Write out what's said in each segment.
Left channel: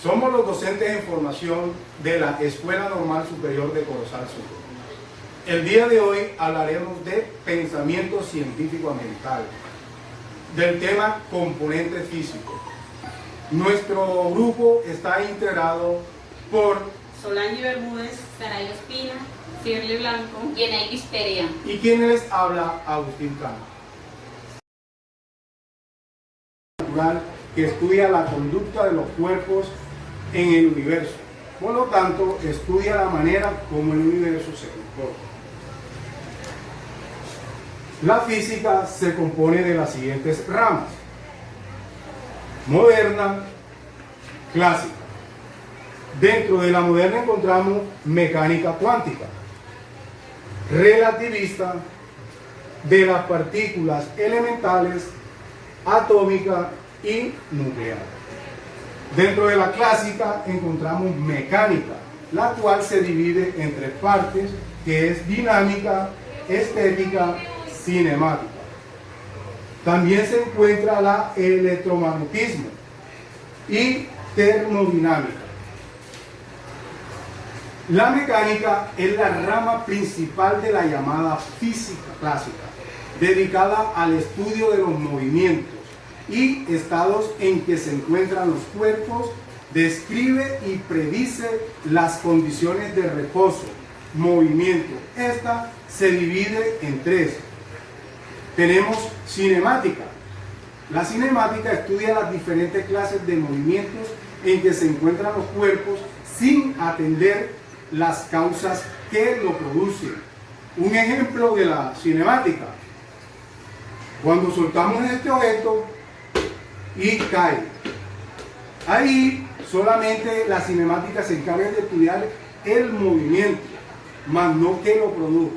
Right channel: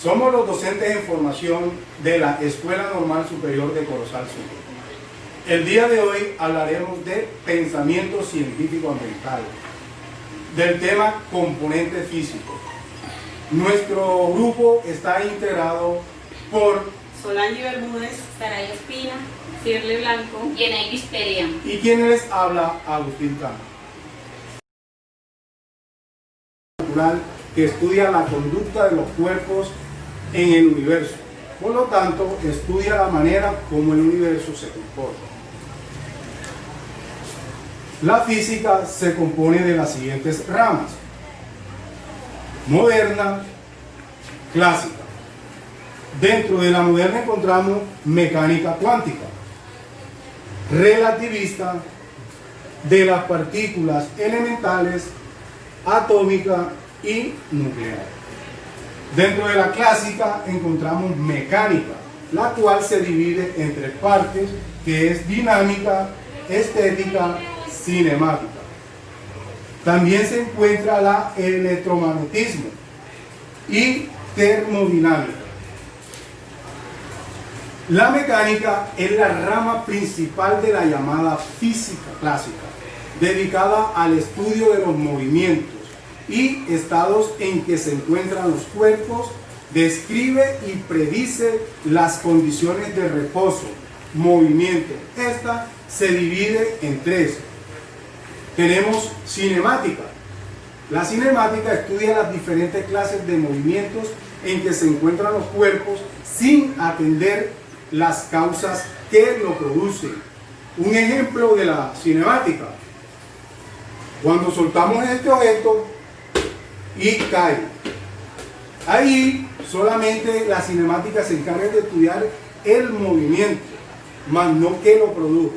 Somos los docentes en formación de la Escuela Normal Superior de Corozal Sur. El día de hoy hablaremos de pensamiento científico ambiental, del tema componente físico. Nuestro grupo está integrado por Solange Bermúdez, Saray Espina, Cirle Blanco, Yenairis Perea. y quien les habla, Agustín Cano. Natural que estudia la conducta de los cuerpos en el universo. Por lo tanto, estudia la manera como el universo se comporta. La física se compone de las siguientes ramas: moderna, clásica. Dentro de la moderna encontramos mecánica cuántica, relativista, de las partículas elementales, atómica y nuclear. Dentro de la clásica encontramos mecánica, la cual se divide en tres partes, que es dinámica, estética, cinemática. También se encuentra la electromagnetismo y termodinámica. La mecánica es la rama principal de la llamada física clásica, dedicada al estudio de los movimientos y estados en que se encuentran los cuerpos. Describe y predice las condiciones de reposo, movimiento. Esta se divide en tres. Tenemos cinemática. La cinemática estudia las diferentes clases de movimientos en que se encuentran los cuerpos sin atender las causas que lo producen. Un ejemplo de la cinemática: cuando soltamos este objeto y cae. Ahí solamente la cinemática se encarga de estudiar el movimiento, más no que lo produjo.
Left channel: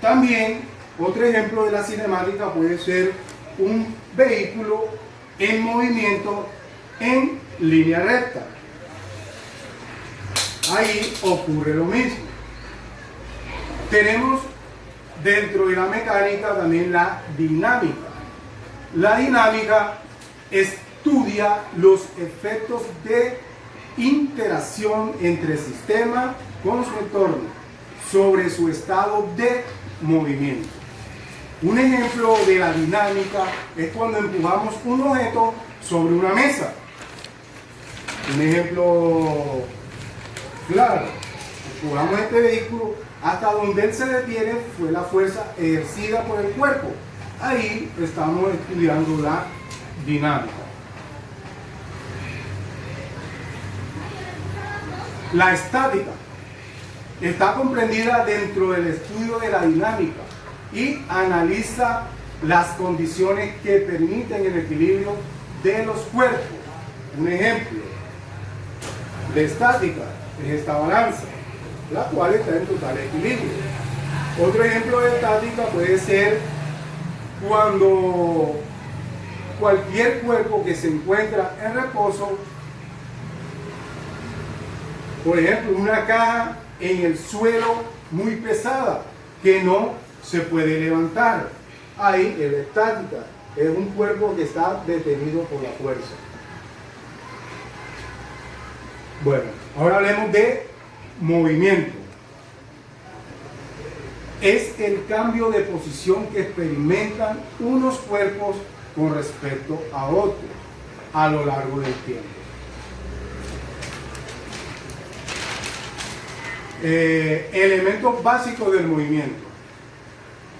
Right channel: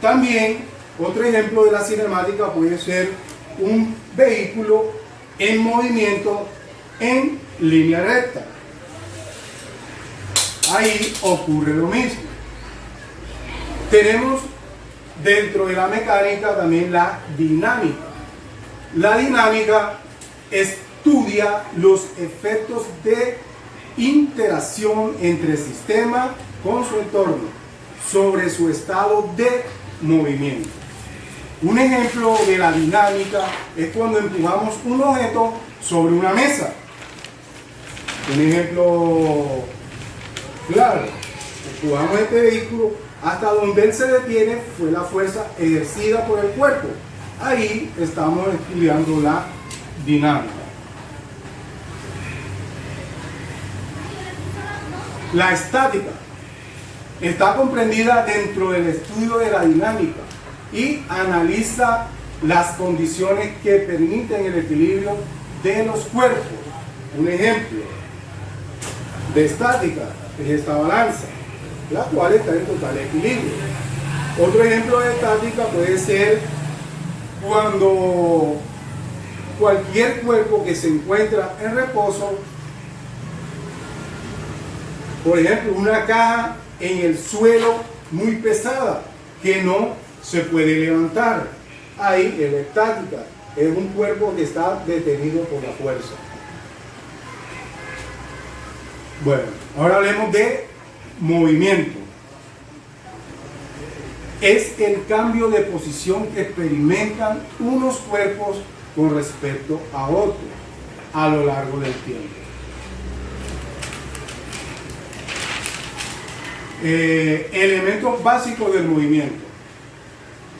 También otro ejemplo de la cinemática puede ser un vehículo en movimiento en línea recta. Ahí ocurre lo mismo. Tenemos dentro de la mecánica también la dinámica. La dinámica estudia los efectos de interacción entre el sistema con su entorno sobre su estado de movimiento. Un ejemplo de la dinámica es cuando empujamos un objeto sobre una mesa. Un ejemplo claro: empujamos este vehículo hasta donde él se detiene, fue la fuerza ejercida por el cuerpo. Ahí estamos estudiando la dinámica. La estática está comprendida dentro del estudio de la dinámica y analiza las condiciones que permiten el equilibrio de los cuerpos. Un ejemplo de estática es esta balanza, la cual está en total equilibrio. Otro ejemplo de estática puede ser cuando cualquier cuerpo que se encuentra en reposo, por ejemplo una caja en el suelo muy pesada que no se puede levantar. Ahí es la estática, es un cuerpo que está detenido por la fuerza. Bueno, ahora hablemos de movimiento. Es el cambio de posición que experimentan unos cuerpos con respecto a otros a lo largo del tiempo. Elementos básicos del movimiento.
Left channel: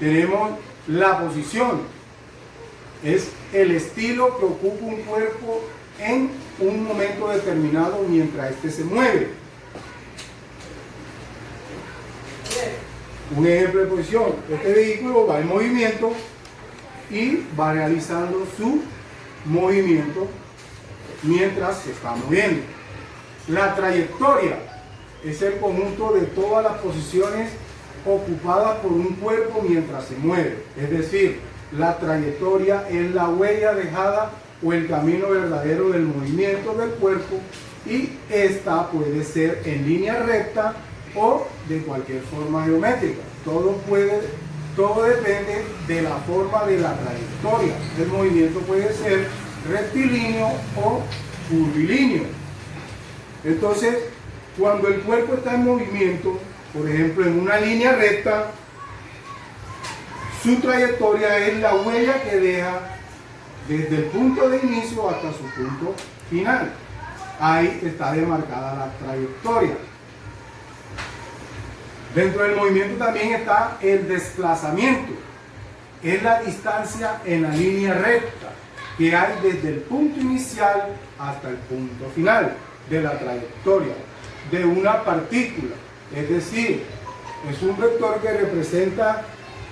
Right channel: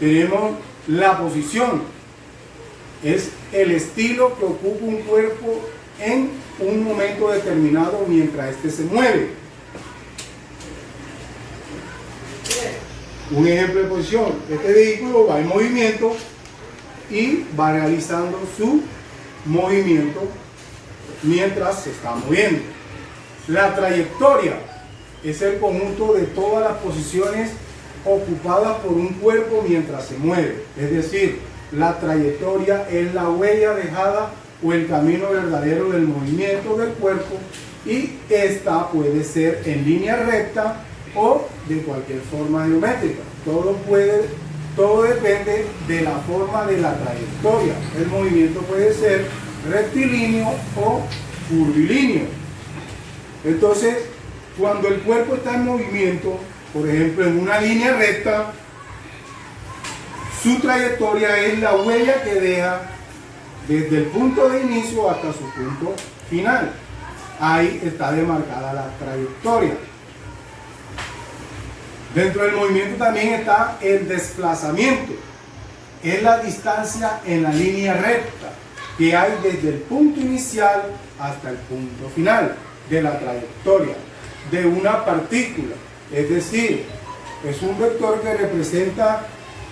Tenemos la posición. Es el estilo que ocupa un cuerpo en un momento determinado mientras éste se mueve. Un ejemplo de posición: este vehículo va en movimiento y va realizando su movimiento mientras se está moviendo. La trayectoria es el conjunto de todas las posiciones ocupadas por un cuerpo mientras se mueve. Es decir, la trayectoria es la huella dejada o el camino verdadero del movimiento del cuerpo, y esta puede ser en línea recta o de cualquier forma geométrica. Todo depende de la forma de la trayectoria. El movimiento puede ser rectilíneo o curvilíneo. Entonces, cuando el cuerpo está en movimiento, por ejemplo, en una línea recta, su trayectoria es la huella que deja desde el punto de inicio hasta su punto final. Ahí está demarcada la trayectoria. Dentro del movimiento también está el desplazamiento. Es la distancia en la línea recta que hay desde el punto inicial hasta el punto final de la trayectoria de una partícula. Es decir, es un vector que representa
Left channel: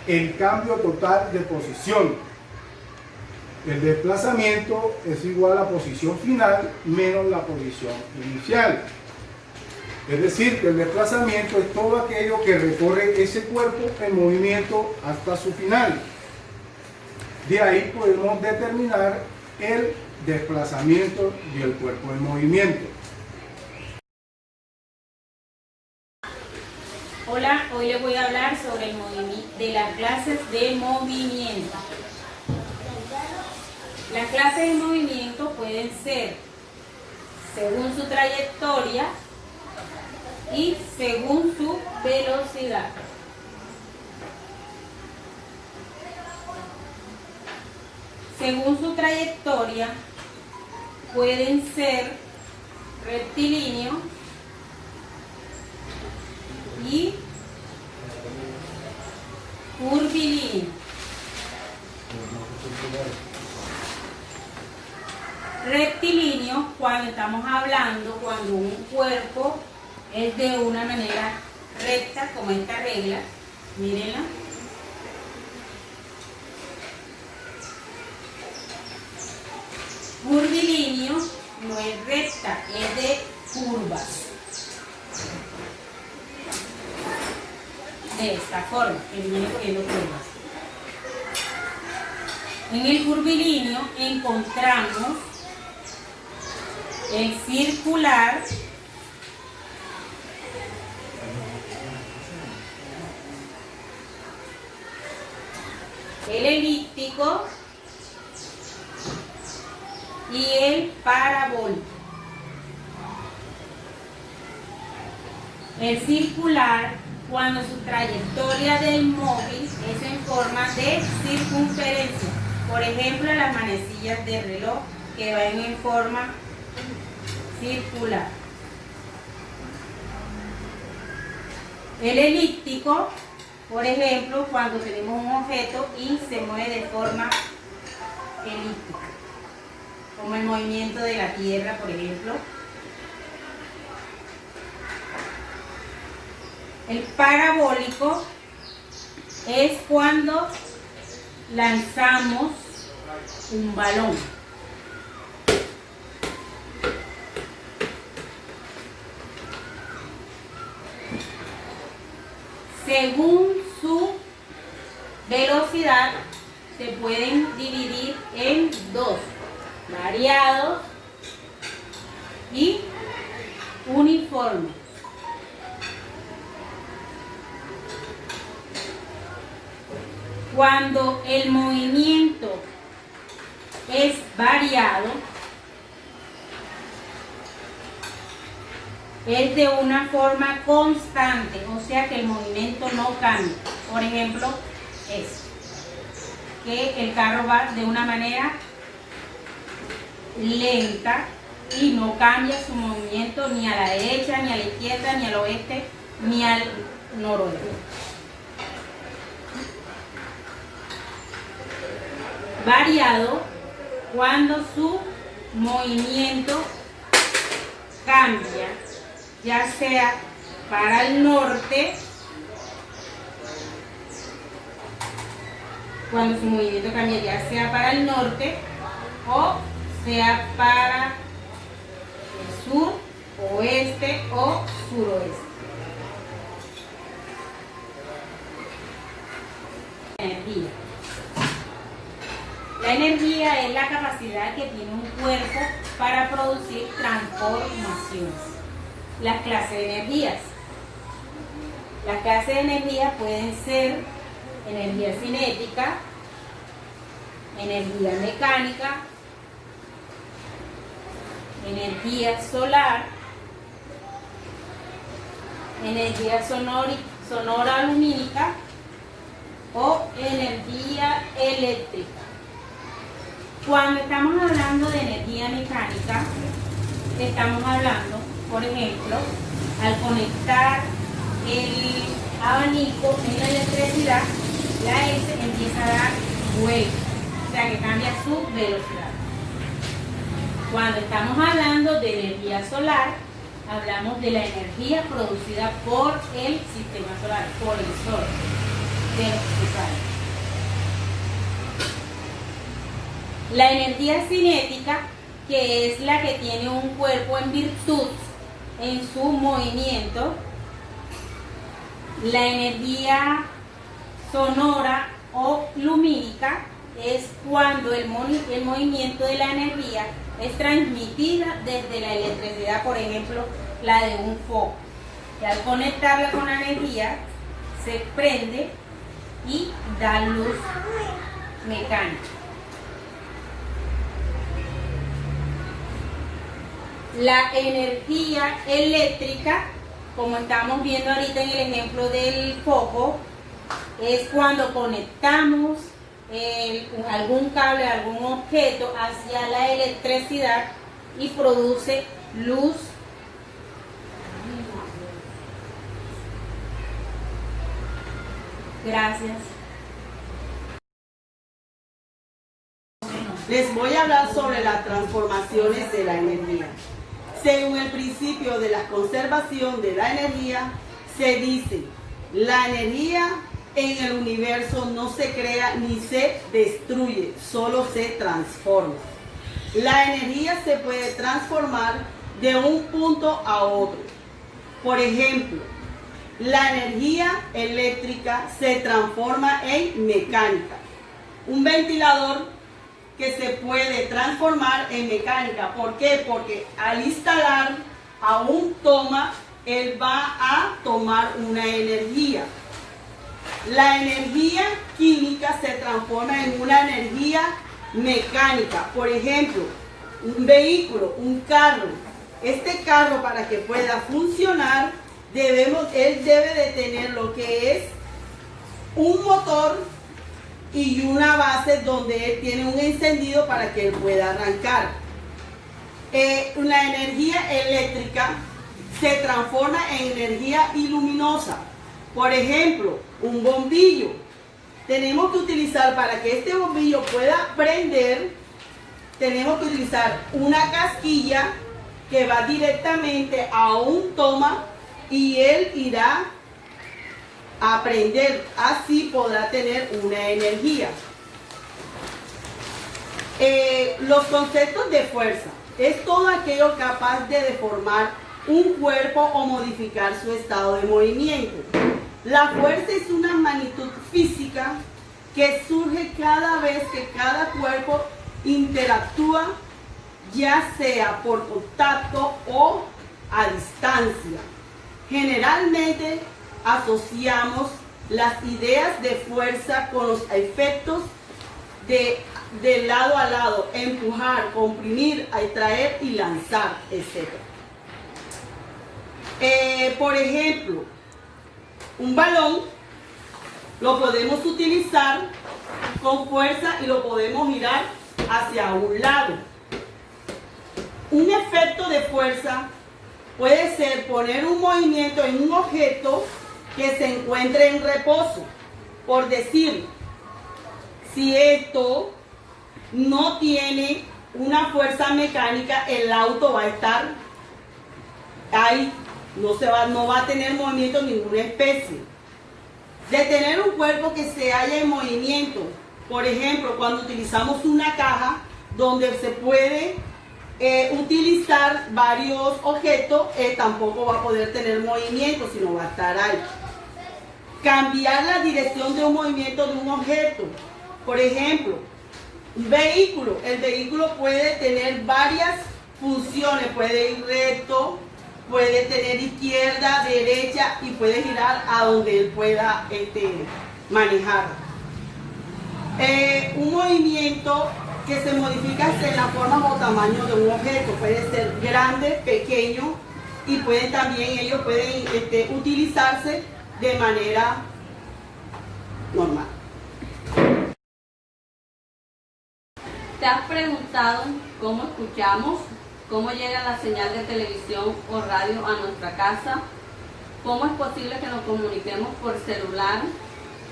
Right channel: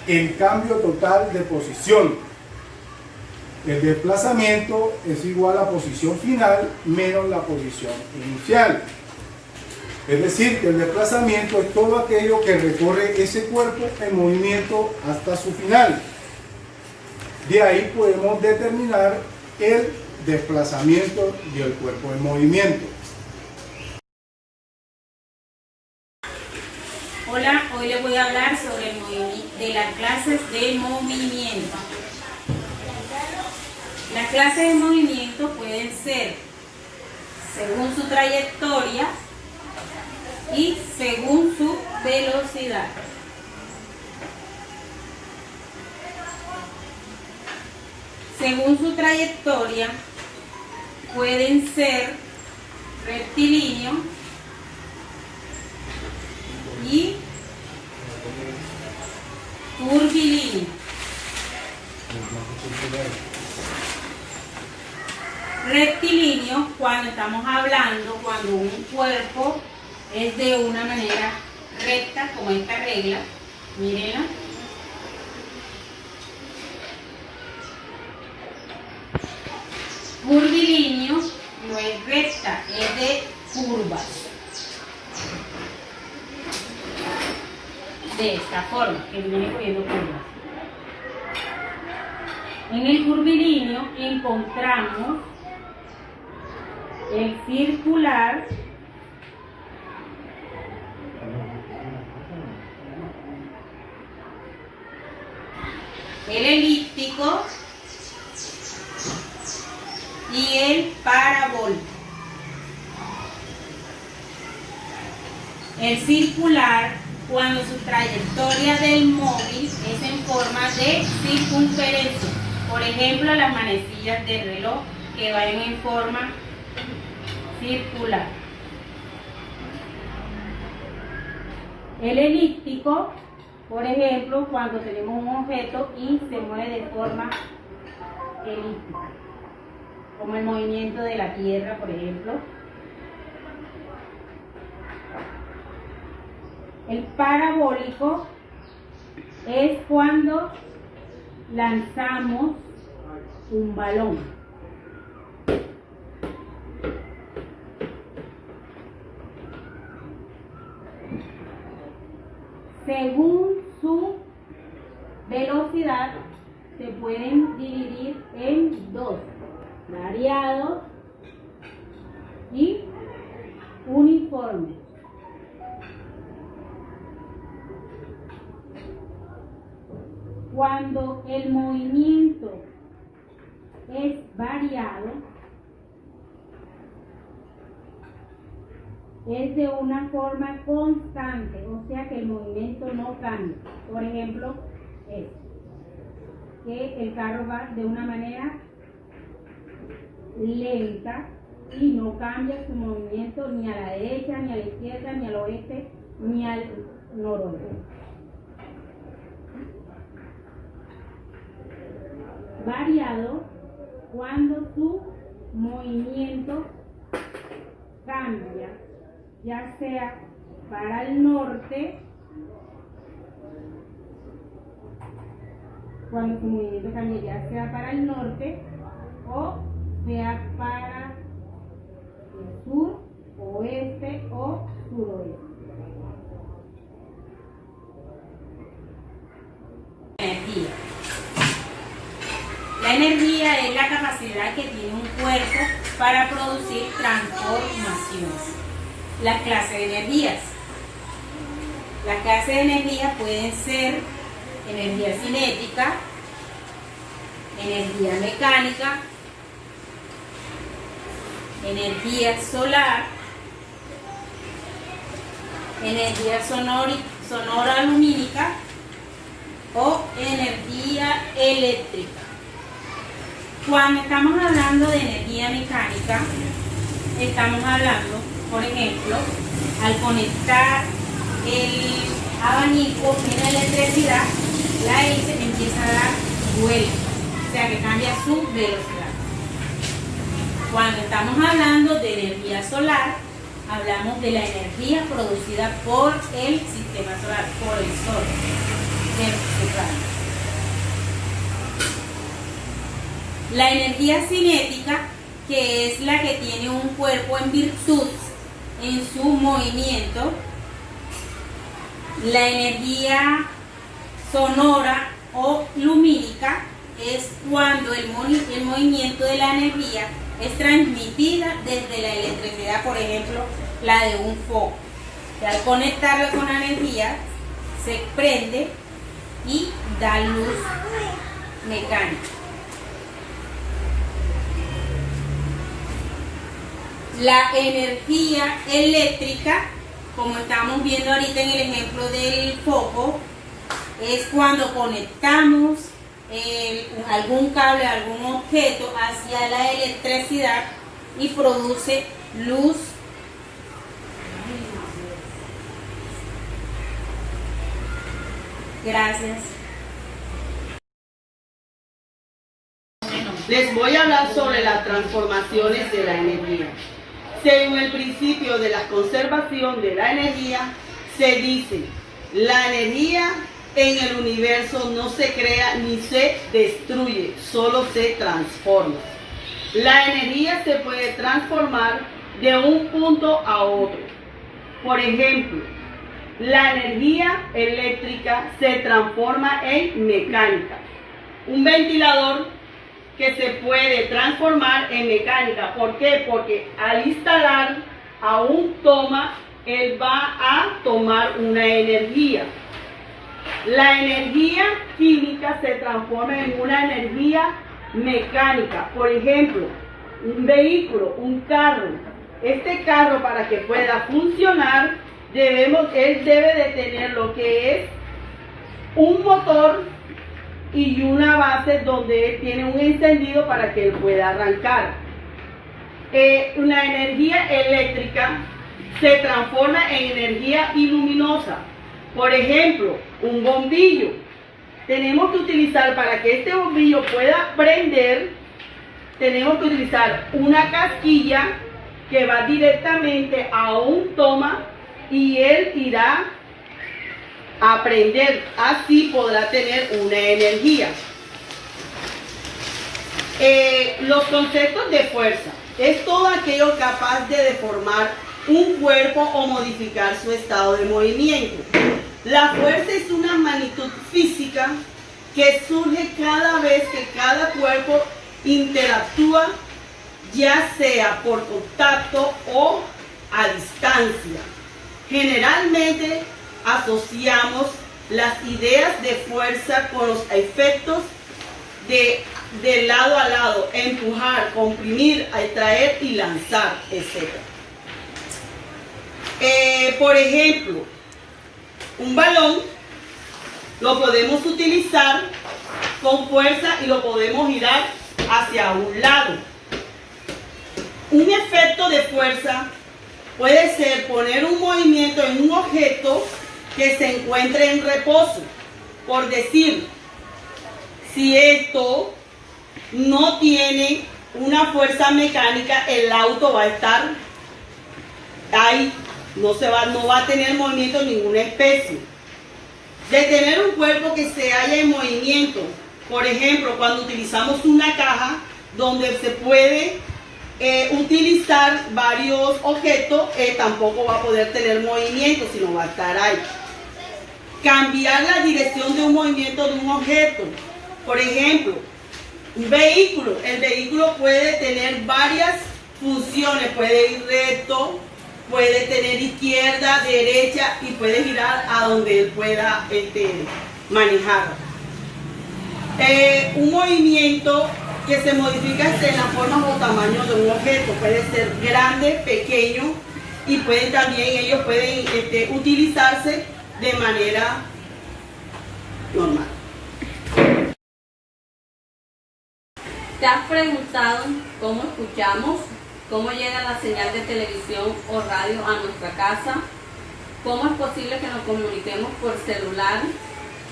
el cambio total de posición. El desplazamiento es igual a posición final menos la posición inicial. Es decir, que el desplazamiento es todo aquello que recorre ese cuerpo en movimiento hasta su final. De ahí podemos determinar el desplazamiento del cuerpo en movimiento. Hola, hoy les voy a hablar sobre el de las clases de movimiento. Las clases de movimiento pueden ser según su trayectoria y según su velocidad. Según su trayectoria pueden ser rectilíneo y curvilíneo. Rectilíneo cuando estamos hablando, cuando un cuerpo es de una manera recta, como esta regla, mírenla. Curvilíneo no es recta, es de curvas. De esta forma, que viene cogiendo curvas. En el curvilíneo encontramos el circular, el elíptico y el parabólico. El circular, cuando su trayectoria del móvil es en forma de circunferencia. Por ejemplo, las manecillas del reloj que van en forma circular. El elíptico, por ejemplo, cuando tenemos un objeto y se mueve de forma elíptica, como el movimiento de la Tierra, por ejemplo. El parabólico es cuando lanzamos un balón. Según su velocidad, se pueden dividir en dos: variados y uniformes. Cuando el movimiento es variado, es de una forma constante, o sea que el movimiento no cambia. Por ejemplo, que el carro va de una manera lenta y no cambia su movimiento ni a la derecha, ni a la izquierda, ni al oeste, ni al noroeste. Variado cuando su movimiento cambia, ya sea para el norte, cuando su movimiento cambia ya sea para el norte o sea para el sur, oeste o suroeste. Energía. La energía es la capacidad que tiene un cuerpo para producir transformaciones. Las clases de energías. Las clases de energía pueden ser energía cinética, energía mecánica, energía solar, energía sonora lumínica o energía eléctrica. Cuando estamos hablando de energía mecánica, estamos hablando, por ejemplo, al conectar el abanico en la electricidad, la hélice empieza a dar vuelta, o sea que cambia su velocidad. Cuando estamos hablando de energía solar, hablamos de la energía producida por el sistema solar, por el sol de nuestro planeta. La energía cinética, que es la que tiene un cuerpo en virtud en su movimiento. La energía sonora o lumínica es cuando el movimiento de la energía es transmitida desde la electricidad, por ejemplo, la de un foco. Y al conectarla con la energía, se prende y da luz mecánica. La energía eléctrica, como estamos viendo ahorita en el ejemplo del foco, es cuando conectamos algún cable, algún objeto hacia la electricidad y produce luz. Gracias. Les voy a hablar sobre las transformaciones de la energía. Según el principio de la conservación de la energía, se dice, la energía en el universo no se crea ni se destruye, solo se transforma. La energía se puede transformar de un punto a otro. Por ejemplo, la energía eléctrica se transforma en mecánica. Un ventilador que se puede transformar en mecánica. ¿Por qué? Porque al instalar a un toma, él va a tomar una energía. La energía química se transforma en una energía mecánica. Por ejemplo, un vehículo, un carro. Este carro, para que pueda funcionar, él debe de tener lo que es un motor y una base donde él tiene un encendido para que él pueda arrancar. La energía eléctrica se transforma en energía iluminosa. Por ejemplo, un bombillo. Tenemos que utilizar, para que este bombillo pueda prender, tenemos que utilizar una casquilla que va directamente a un toma y él irá a prender, así podrá tener una energía. Los conceptos de fuerza es todo aquello capaz de deformar un cuerpo o modificar su estado de movimiento. La fuerza es una magnitud física que surge cada vez que cada cuerpo interactúa, ya sea por contacto o a distancia. Generalmente asociamos las ideas de fuerza con los efectos de lado a lado, empujar, comprimir, atraer y lanzar, etc. Por ejemplo, un balón lo podemos utilizar con fuerza y lo podemos girar hacia un lado. Un efecto de fuerza puede ser poner un movimiento en un objeto que se encuentre en reposo. Por decir, si esto no tiene una fuerza mecánica, el auto va a estar ahí, no va a tener movimiento de ninguna especie. Detener un cuerpo que se halla en movimiento, por ejemplo, cuando utilizamos una caja donde se puede utilizar varios objetos, tampoco va a poder tener movimiento, sino va a estar ahí. Cambiar la dirección de un movimiento de un objeto. Por ejemplo, un vehículo. El vehículo puede tener varias funciones. Puede ir recto, puede tener izquierda, derecha y puede girar a donde él pueda manejar. Un movimiento que se modifica en la forma o tamaño de un objeto. Puede ser grande, pequeño, y ellos pueden utilizarse de manera normal. ¿Te has preguntado cómo escuchamos? ¿Cómo llega la señal de televisión o radio a nuestra casa? ¿Cómo es posible que nos comuniquemos por celular?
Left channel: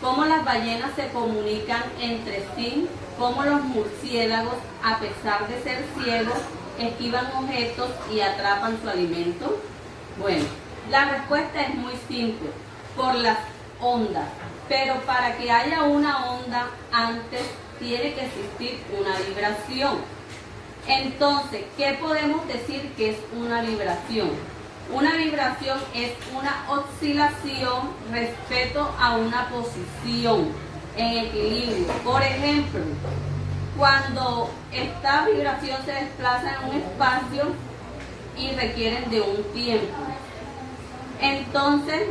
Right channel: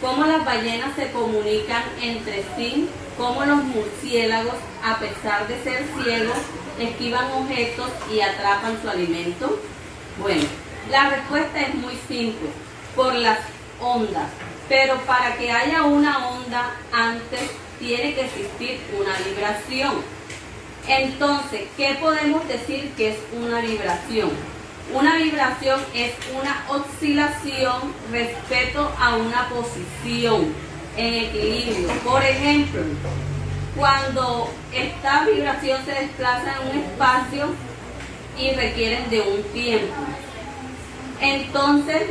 ¿Cómo las ballenas se comunican entre sí? ¿Cómo los murciélagos, a pesar de ser ciegos, esquivan objetos y atrapan su alimento? Bueno, la respuesta es muy simple, por las ondas. Pero para que haya una onda, antes tiene que existir una vibración. Entonces, ¿qué podemos decir que es una vibración? Una vibración es una oscilación respecto a una posición en equilibrio. Por ejemplo, cuando esta vibración se desplaza en un espacio y requieren de un tiempo. Entonces,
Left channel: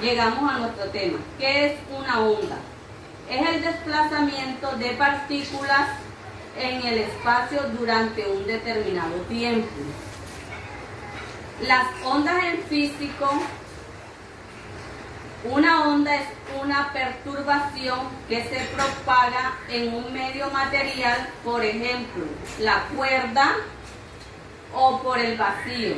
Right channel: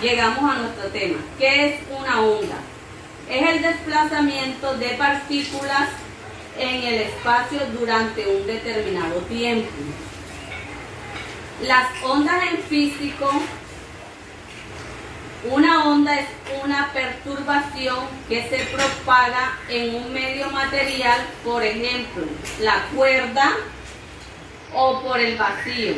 llegamos a nuestro tema. ¿Qué es una onda? Es el desplazamiento de partículas en el espacio durante un determinado tiempo. Las ondas en físico, una onda es una perturbación que se propaga en un medio material, por ejemplo, la cuerda o por el vacío.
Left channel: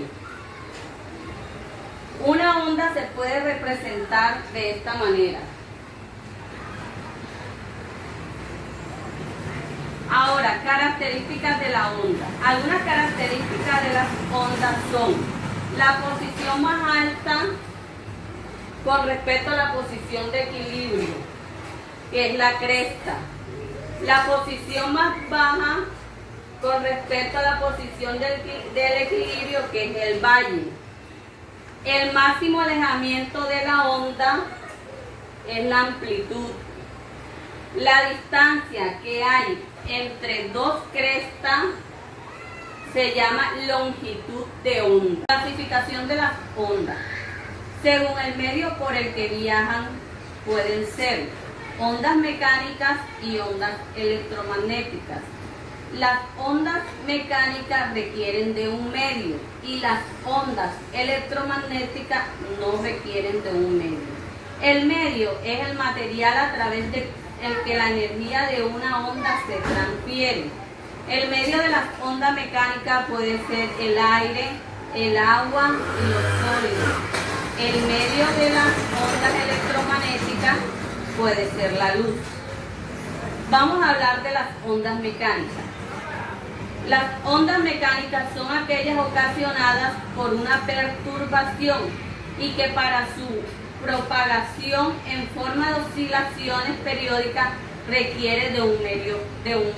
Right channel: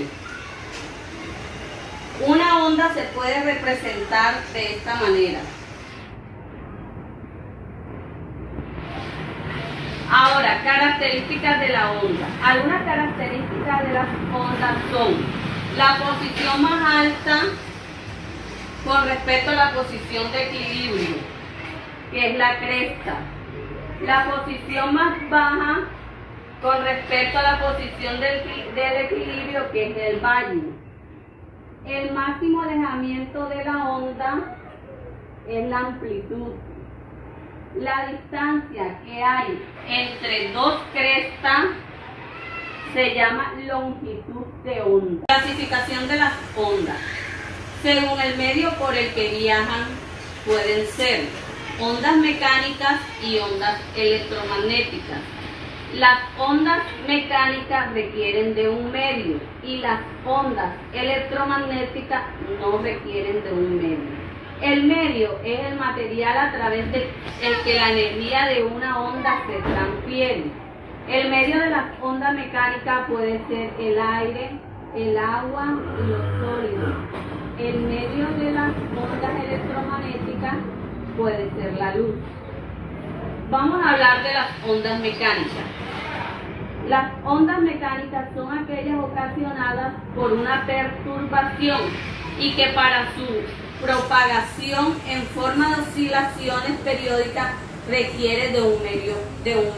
Una onda se puede representar de esta manera. Ahora, características de la onda. Algunas características de las ondas son la posición más alta con respecto a la posición de equilibrio, que es la cresta. La posición más baja con respecto a la posición del equilibrio, que es el valle. El máximo alejamiento de la onda es la amplitud. La distancia que hay entre dos crestas se llama longitud de onda. Clasificación de las ondas. Según el medio por el que viajan, pueden ser ondas mecánicas y ondas electromagnéticas. Las ondas mecánicas requieren de un medio y las ondas electromagnéticas no requieren de un medio. El medio es el material a través del que la energía de una onda se transfiere. El medio de las ondas mecánicas puede ser el aire, el agua y los sólidos. El medio de las ondas electromagnéticas puede ser la luz. Vamos a hablar de las ondas mecánicas. Las ondas mecánicas son aquellas ocasionadas por una perturbación y que para su propagación en forma de oscilaciones periódicas requiere de un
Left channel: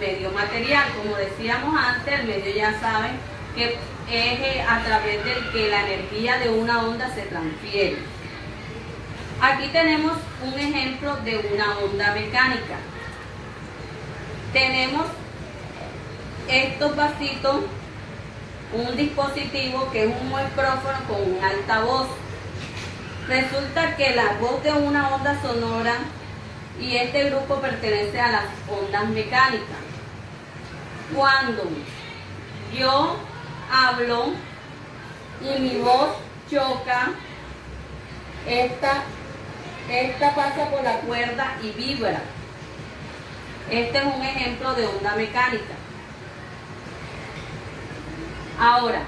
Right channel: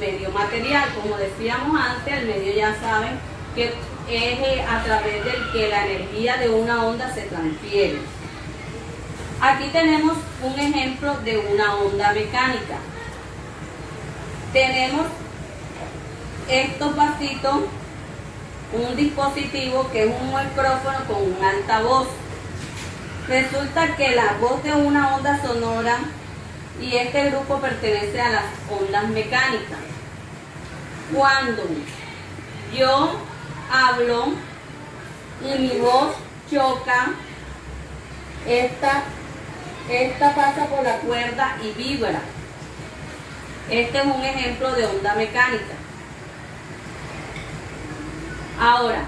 medio material. Como decíamos antes, el medio ya saben que es a través del que la energía de una onda se transfiere. Aquí tenemos un ejemplo de una onda mecánica. Tenemos estos vasitos, un dispositivo que es un micrófono con un altavoz. Resulta que la voz de una onda sonora y este grupo pertenece a las ondas mecánicas. Cuando yo hablo y mi voz choca, esta pasa por la cuerda y vibra. Este es un ejemplo de onda mecánica. Ahora,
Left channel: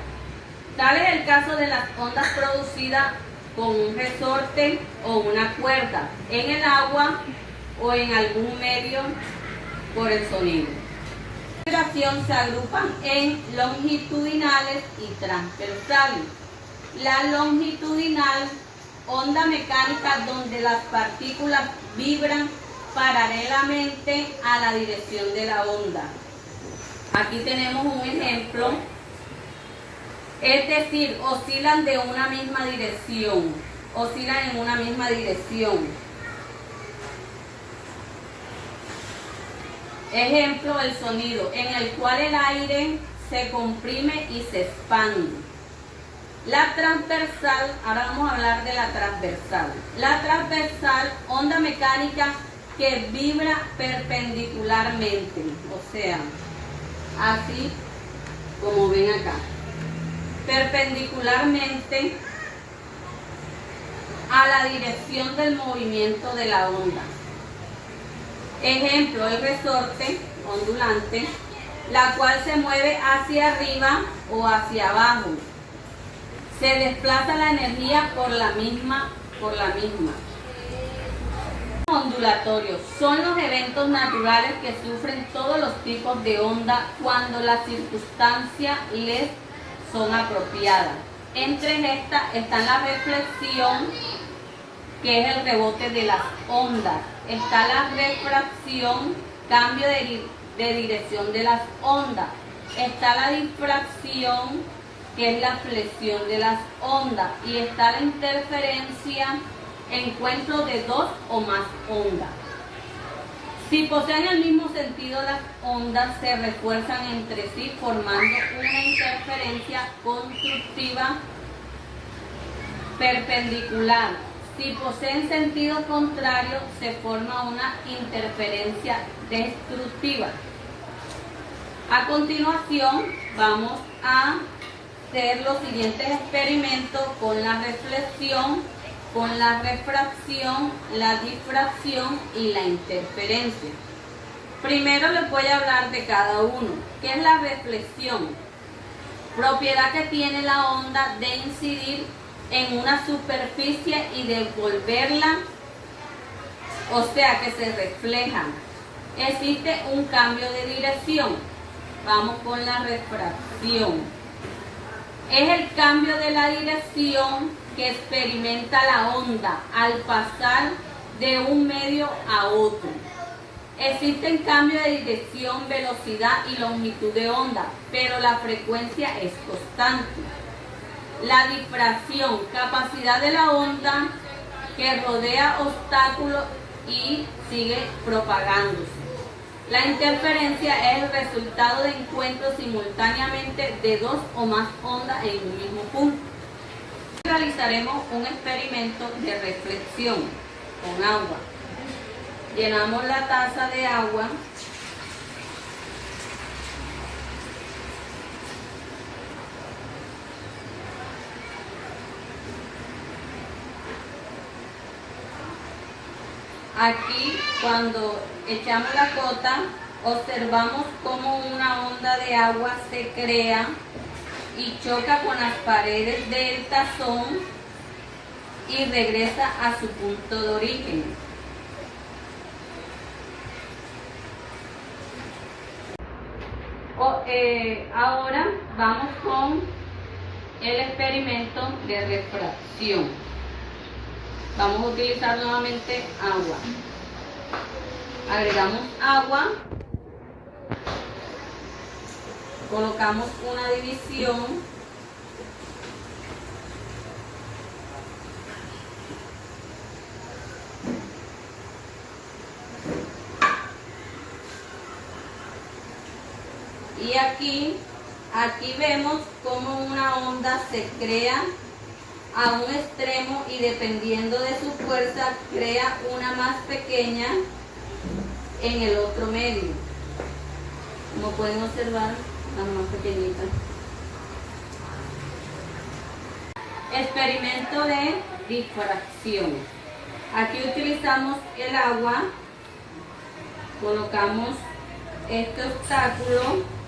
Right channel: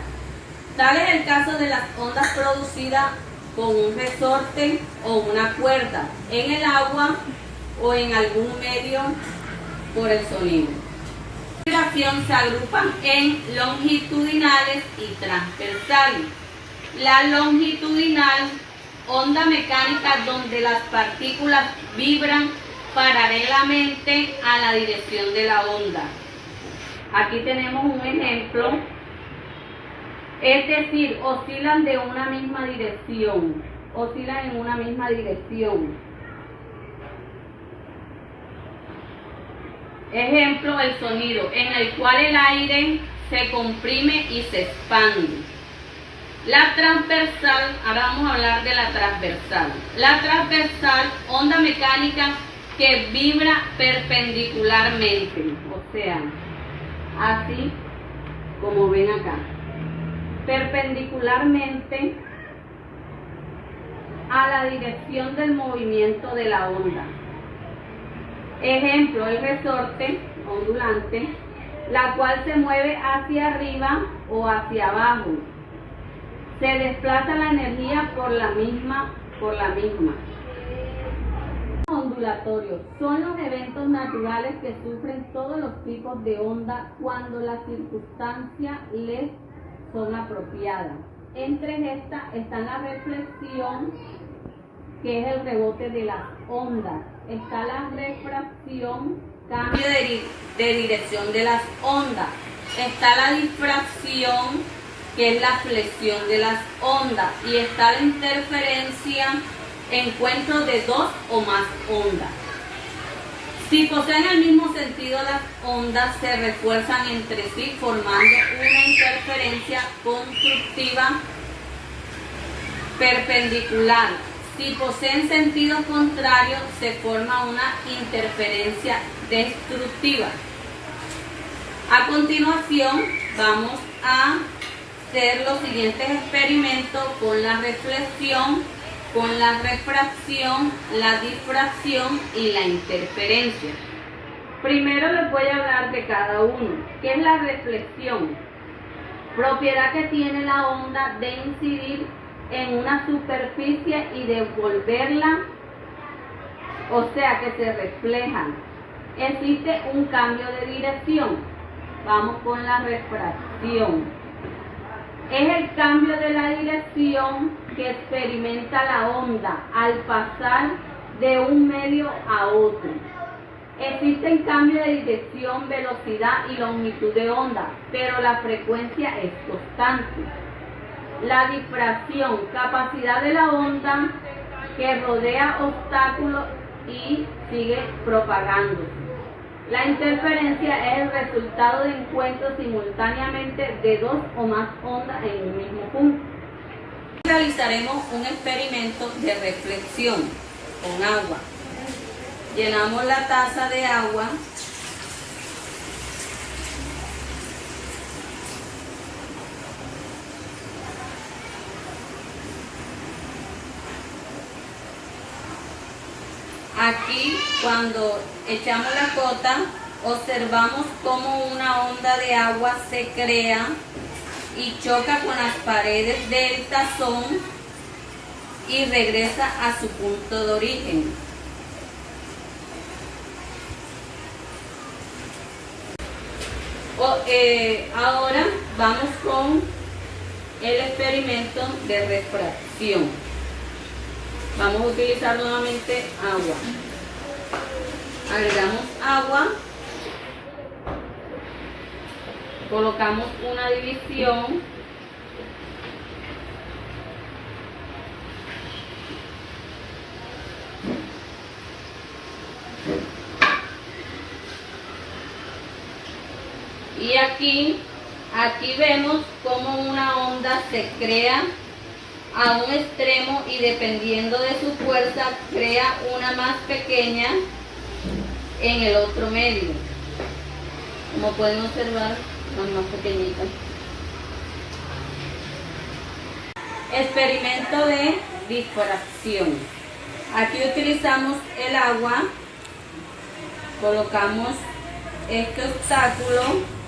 tal es el caso de las ondas producidas con un resorte o una cuerda en el agua o en algún medio por el sonido. La vibración se agrupan en longitudinales y transversales. La longitudinal, onda mecánica donde las partículas vibran paralelamente a la dirección de la onda. Aquí tenemos un ejemplo. Es decir, oscilan de una misma dirección, oscilan en una misma dirección. Ejemplo, el sonido, en el cual el aire se comprime y se expande. La transversal, ahora vamos a hablar de la transversal. La transversal, onda mecánica que vibra perpendicularmente, o sea, así como ven acá, perpendicularmente a la dirección del movimiento de la onda. Ejemplo, el resorte ondulante, la cual se mueve hacia arriba o hacia abajo. Se desplaza la energía por la misma. Ondulatorios son los eventos naturales que sufren todos los tipos de onda cuando las circunstancias les son apropiadas. Entre estas están la reflexión, que es el rebote de las ondas. Está la refracción, cambio de dirección de las ondas. Está la difracción, que es la flexión de las ondas. Y está la interferencia, encuentro de dos o más ondas. Si poseen el mismo sentido, las ondas se refuerzan entre sí formando una interferencia constructiva perpendicular. Si poseen sentido contrario, se forma una interferencia destructiva. A continuación, vamos a hacer los siguientes experimentos con la reflexión, con la refracción, la difracción y la interferencia. Primero les voy a hablar de cada uno. ¿Qué es la reflexión? Propiedad que tiene la onda de incidir en una superficie y devolverla, o sea que se reflejan. Existe un cambio de dirección. Vamos con la refracción. Es el cambio de la dirección que experimenta la onda al pasar de un medio a otro. Existen cambios de dirección, velocidad y longitud de onda, pero la frecuencia es constante. La difracción, capacidad de la onda que rodea obstáculos y sigue propagándose. La interferencia es el resultado de encuentros simultáneamente de dos o más ondas en un mismo punto. Realizaremos un experimento de reflexión con agua. Llenamos la taza de agua. Aquí, cuando echamos la gota, observamos cómo una onda de agua se crea y choca con las paredes del tazón y regresa a su punto de origen. Ahora vamos con el experimento de refracción. Vamos a utilizar nuevamente agua. Agregamos agua. Colocamos una división. Y aquí vemos cómo una onda se crea a un extremo y dependiendo de su fuerza crea una más pequeña en el otro medio. Como pueden observar, las más pequeñitas. Experimento de difracción. Aquí utilizamos el agua, colocamos este obstáculo.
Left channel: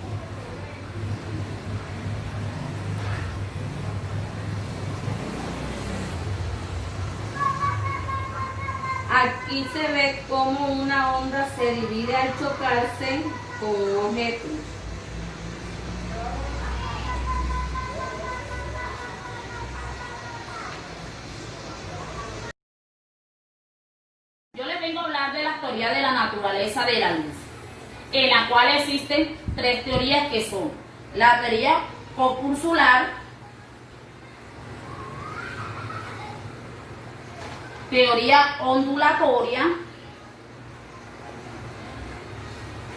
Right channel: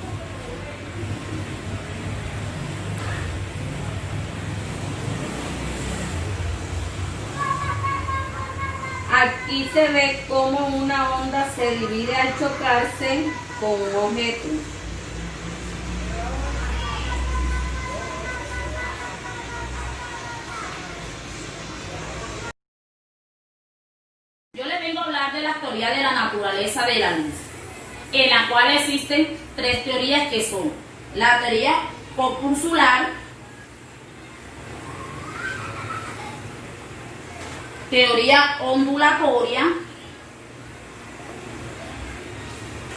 Aquí se ve cómo una onda se divide al chocarse con un objeto. Yo les vengo a hablar de la teoría de la naturaleza de la luz, en la cual existen tres teorías que son la teoría corpuscular, teoría ondulatoria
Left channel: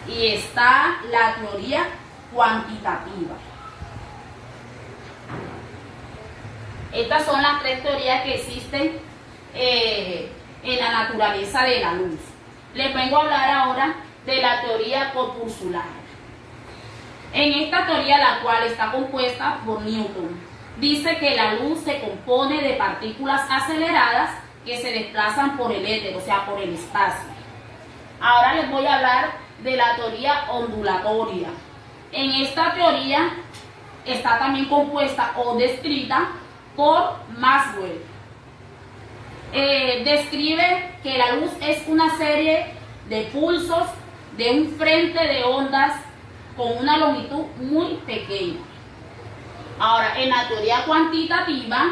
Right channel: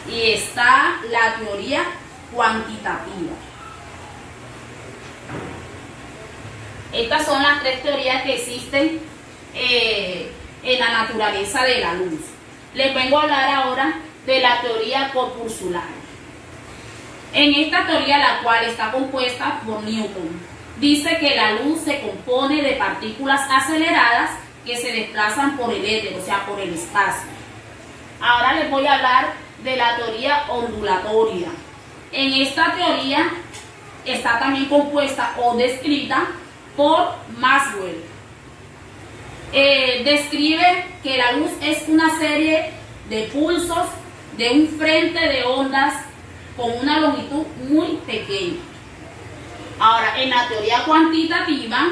y está la teoría cuantitativa. Estas son las tres teorías que existen en la naturaleza de la luz. les vengo a hablar ahora de la teoría corpuscular. En esta teoría, la cual está compuesta por Newton, dice que la luz se compone de partículas aceleradas que se desplazan por el éter, o sea, por el espacio. Ahora les voy a hablar de la teoría ondulatoria. En esta teoría está también compuesta o descrita por Maxwell. Describe que la luz es una serie de pulsos de un frente de ondas con una longitud muy pequeña. Ahora, en la teoría cuantitativa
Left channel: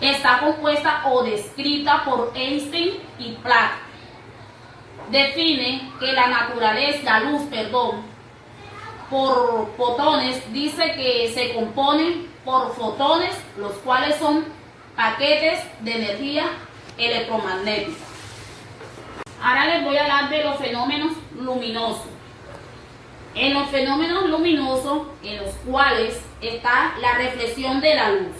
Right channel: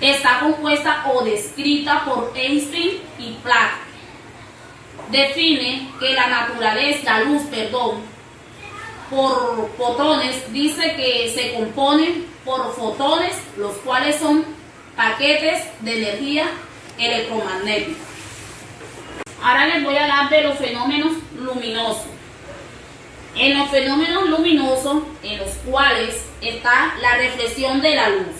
está compuesta o descrita por Einstein y Planck. Define que la luz, por fotones, dice que se componen por fotones, los cuales son paquetes de energía electromagnética. Ahora les voy a hablar de los fenómenos luminosos. En los fenómenos luminosos, en los cuales está la reflexión de la luz.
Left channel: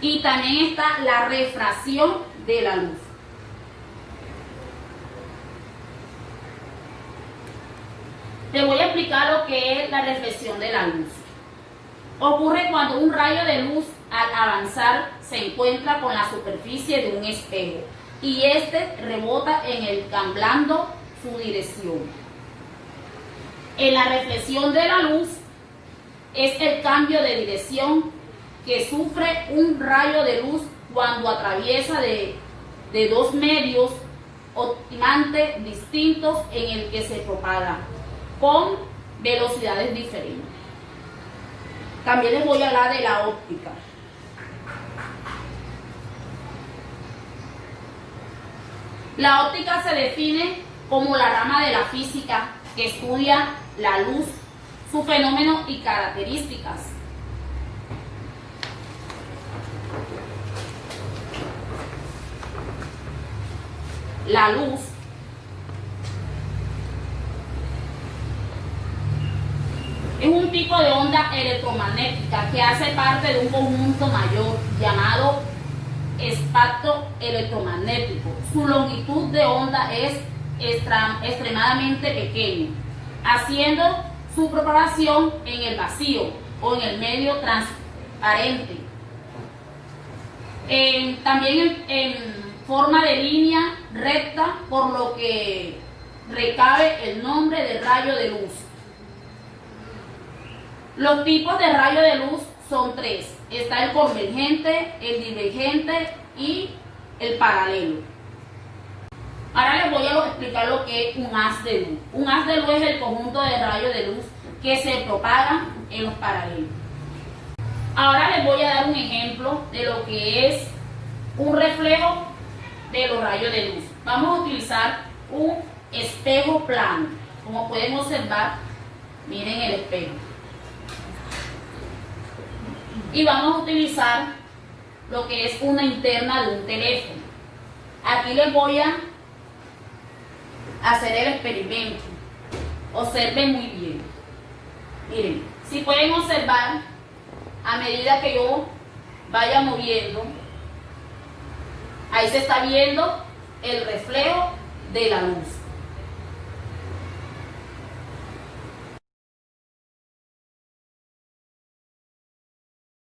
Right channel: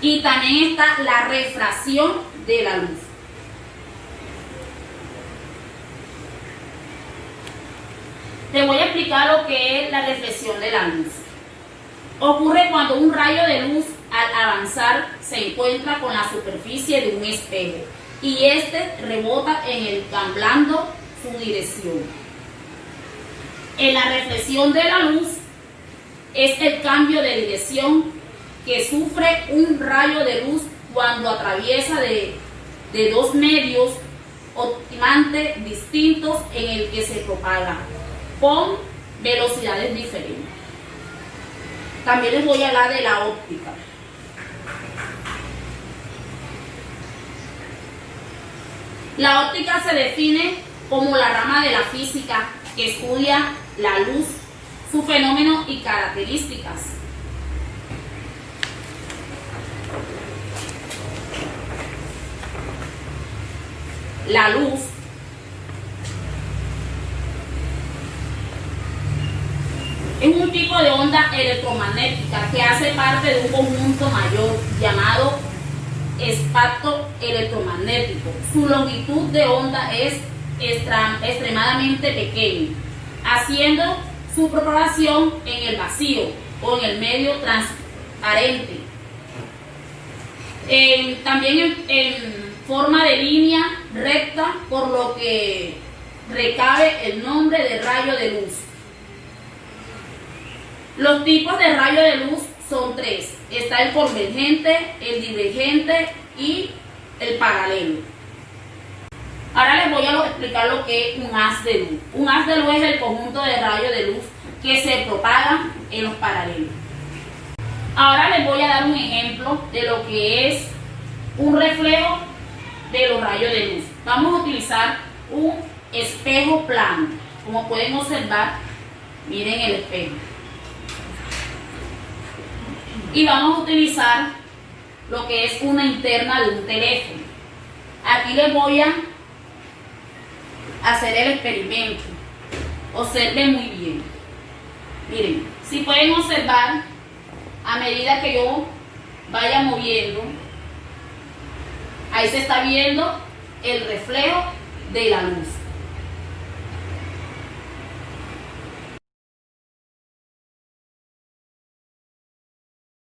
Y también está la refracción de la luz. Te voy a explicar lo que es la reflexión de la luz. Ocurre cuando un rayo de luz al avanzar se encuentra con la superficie de un espejo y este rebota en él cambiando su dirección. En la reflexión de la luz es el cambio de dirección que sufre un rayo de luz cuando atraviesa de dos medios óptimamente distintos en el que se propaga con velocidades diferentes. También les voy a hablar de la óptica. La óptica se define como la rama de la física que estudia la luz, su fenómeno y características. La luz es un tipo de onda electromagnética que hace parte de un conjunto mayor llamado espectro electromagnético. Su longitud de onda es extremadamente pequeña, haciendo su propagación en el vacío o en el medio transparente. También en forma de línea recta, por lo que recabe el nombre de rayo de luz. Los tipos de rayo de luz son tres. Está el convergente, el divergente y el paralelo. Ahora les voy a explicar lo que es un haz de luz. Un haz de luz es el conjunto de rayos de luz que se propagan en los paralelos. Ahora les voy a dar un ejemplo de lo que es un reflejo de los rayos de luz. Vamos a utilizar un espejo plano. Como pueden observar, miren el espejo. Y vamos a utilizar lo que es una linterna de un teléfono. Aquí les voy a hacer el experimento. Observen muy bien. Miren, si pueden observar, a medida que yo vaya moviendo, ahí se está viendo el reflejo de la luz.